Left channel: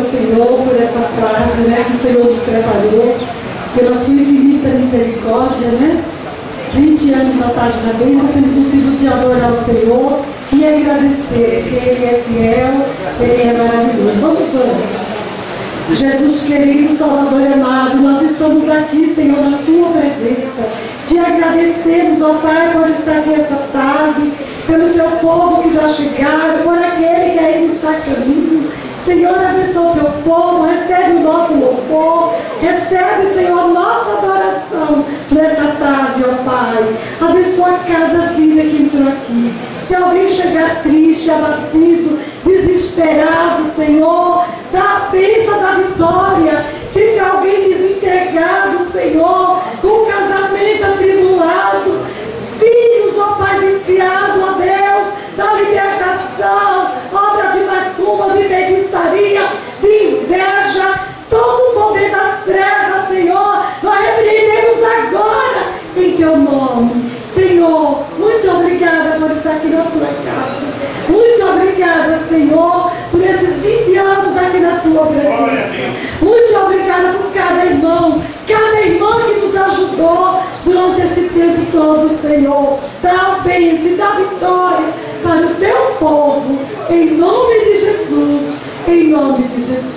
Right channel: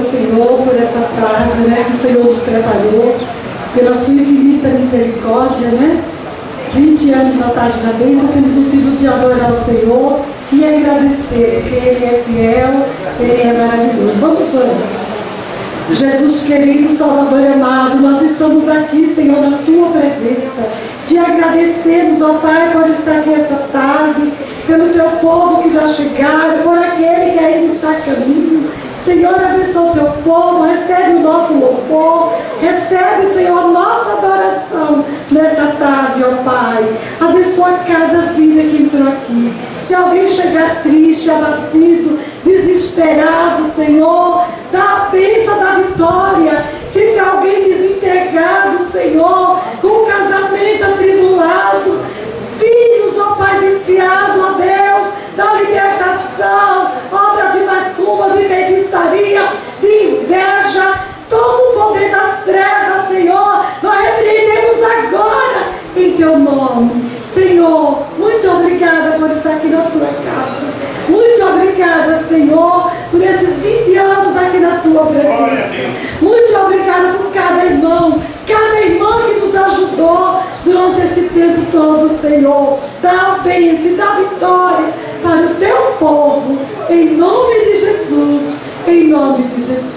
ao Senhor por essa tarde, né, que o Senhor nos preparou, pela sua infinita misericórdia, né? 20 anos na tarde da bênção, temos o motivo de adorar o Senhor e agradecer, porque Ele é fiel, Ele é maravilhoso. Vamos orar. Jesus querido, Salvador amado, nós estamos aqui, Senhor, na Tua presença. Te agradecemos, ó Pai, por estar aqui essa tarde, pelo Teu povo que já chegaram, por aquele que ainda está a caminho. Senhor, abençoa o Teu povo, recebe o nosso louvor, recebe, Senhor, nossa adoração nessa tarde, ó Pai. Abençoa cada vida que entrou aqui. Se alguém chegar triste, abatido, desesperado, Senhor, dá a bênção da vitória. Se tem alguém desempregado, Senhor, com o casamento atribulado, filhos, ó Pai, viciado, ó Deus, da libertação, obra de macumba, de feitiçaria, de inveja, todo o poder das trevas, Senhor, nós repreendemos agora em Teu nome. Senhor, muito obrigada por estar aqui na Tua casa. Muito obrigada, Senhor, por esses 20 anos aqui na Tua presença. Muito obrigada por cada irmão que nos ajudou durante esse tempo todo, Senhor. Dá a bênção, dá a vitória para o Teu povo. Em nome de Jesus. Em nome de Jesus.